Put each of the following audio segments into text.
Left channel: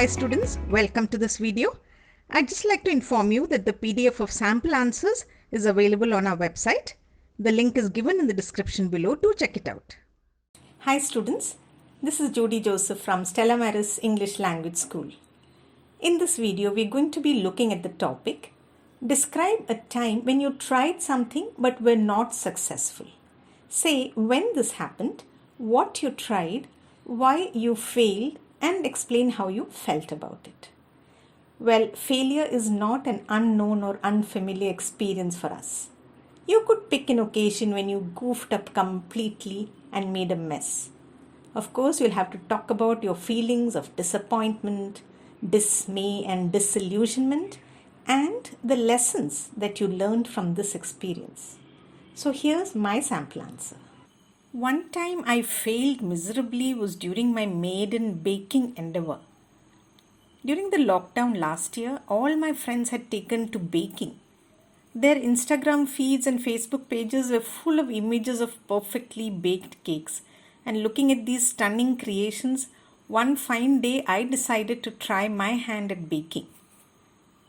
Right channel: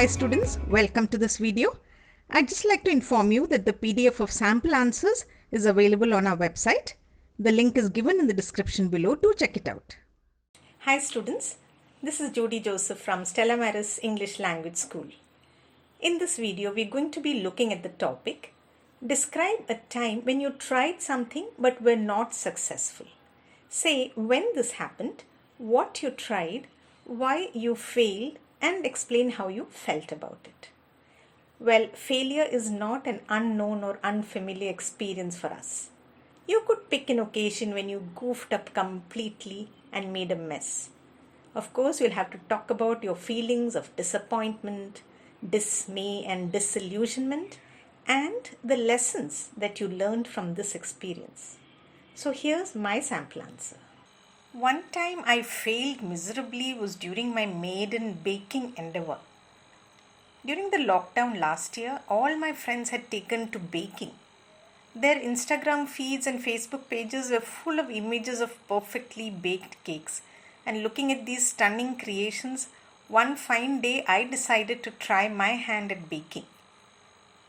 Hi students, welcome to this video. I'd just like to inform you that the PDF of sample answers is available on our website. The link is given in the description below. Do check it out. Hi students, this is Jody Joseph from Stella English Language School. In this video, we're going to be looking at the topic, describe a time when you tried something but were not successful. Say when this happened, what you tried, why you failed, and explain how you felt about it. Well, failure is not an unknown or unfamiliar experience for us. You could pick an occasion when you goofed up completely and made a mess. Of course, you'll have to talk about your feelings of disappointment, dismay, and disillusionment, and the lessons that you learned from this experience. So here's my sample answer. One time I failed miserably was during my maiden baking endeavor. During the lockdown last year, all my friends had taken to baking. Their Instagram feeds and Facebook pages were full of images of perfectly baked cakes. And looking at these stunning creations, one fine day I decided to try my hand at baking.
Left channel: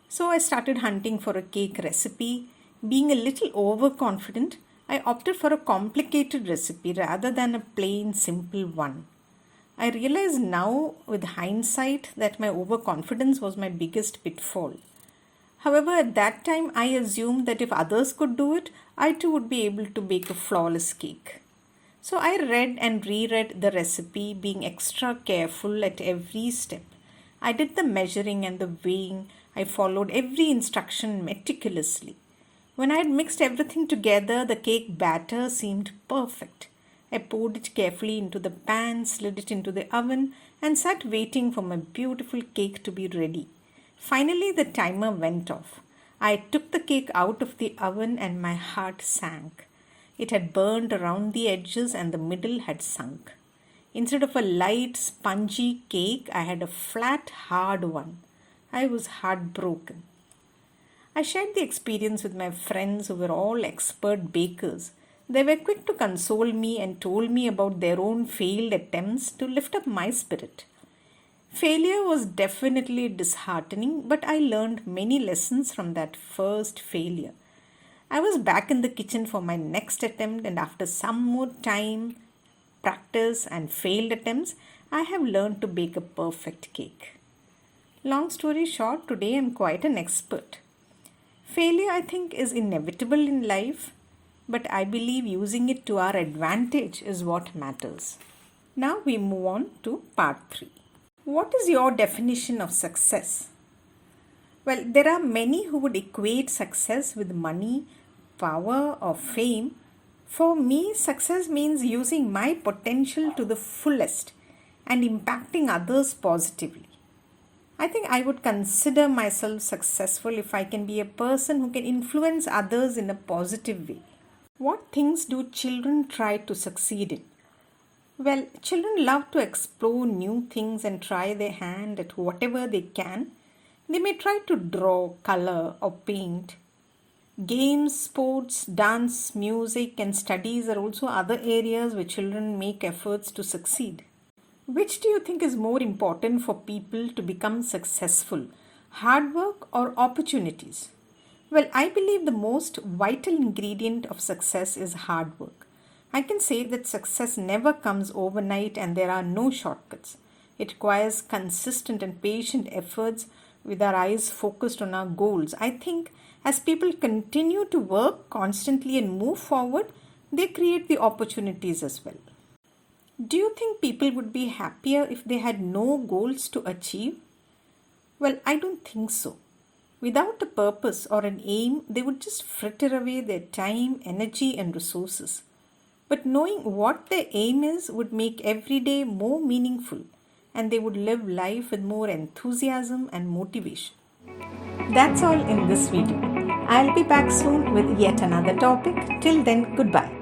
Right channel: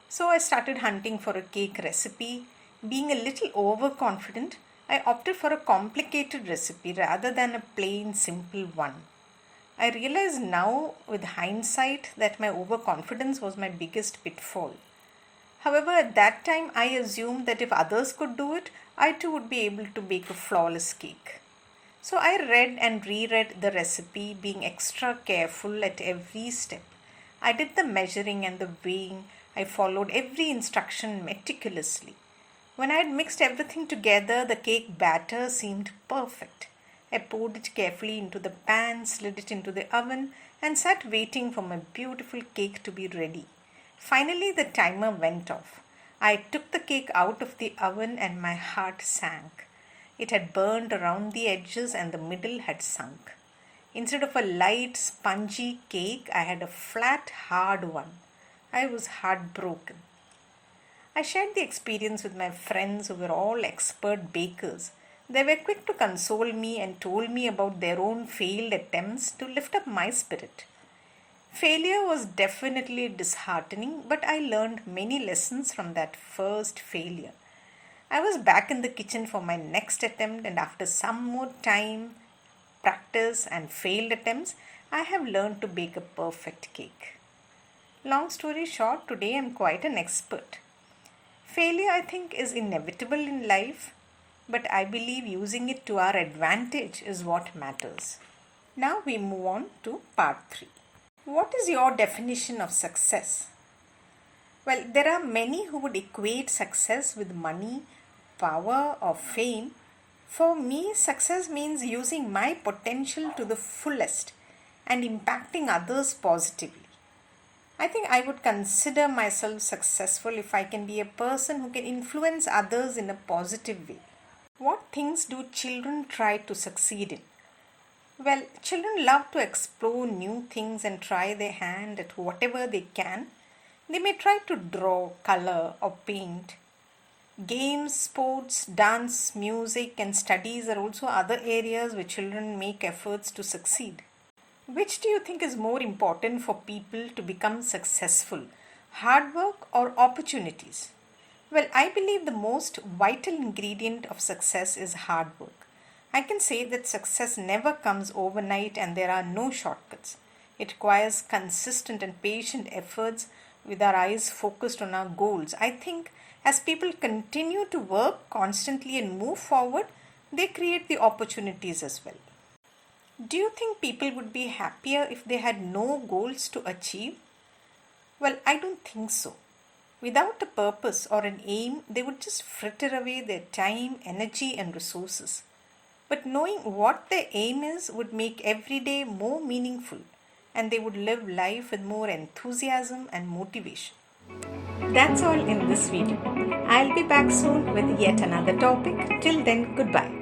So I started hunting for a cake recipe. Being a little overconfident, I opted for a complicated recipe rather than a plain, simple one. I realize now, with hindsight, that my overconfidence was my biggest pitfall. However, at that time, I assumed that if others could do it, I too would be able to bake a flawless cake. So I read and reread the recipe, being extra careful at every step. I did the measuring and the weighing. I followed every instruction meticulously. When I had mixed everything together, the cake batter seemed perfect. I poured it carefully into the pan, slid it into the oven, and sat waiting for my beautiful cake to be ready. Finally, the timer went off. I took the cake out of the oven and my heart sank. It had burned around the edges and the middle had sunk. Instead of a light, spongy cake, I had a flat, hard one. I was heartbroken. I shared the experience with my friends who were all expert bakers. They were quick to console me and told me about their own failed attempts to lift up my spirit. Failure was definitely disheartening, but I learned many lessons from that first failure. I was back in the kitchen for my next attempt, and after some more time, practice, and failed attempts, I have learned to bake a perfect cake. Long story short, today I am quite an expert. Failure, I think, is inevitable in life, but I believe using it to our advantage is what matters. Now we move on to part 3. What is your definition of success? Well, there are many who would equate success with money, power, or fame. For me, success means using my potential to the fullest and impacting others positively. I think I would consider myself successful if I can be a person who can influence others in a positive way. What things do children try to succeed in? Well, children love to explore new things and try their hand at whatever they can. They may try to draw, color, or paint. Games, sports, dance, music, and studies are also other areas where children make efforts to succeed. Which do you think is more important for people to become successful, hard work or opportunities? Well, I believe the most vital ingredient of success is hard work. I can say that success never comes overnight and there are no shortcuts. It requires consistent and patient efforts with our eyes focused on our goals. I think as people continue to work constantly and move forward, they create the opportunities as well. Do you think people would be happier if they had no goals to achieve? Well, I don't think so. Without a purpose or an aim, they would just fritter away their time, energy, and resources. But knowing what their aim is would make every day more meaningful, and they would live life with more enthusiasm and motivation. That's all in this video. I'll be back soon with yet another topic. Till then, goodbye.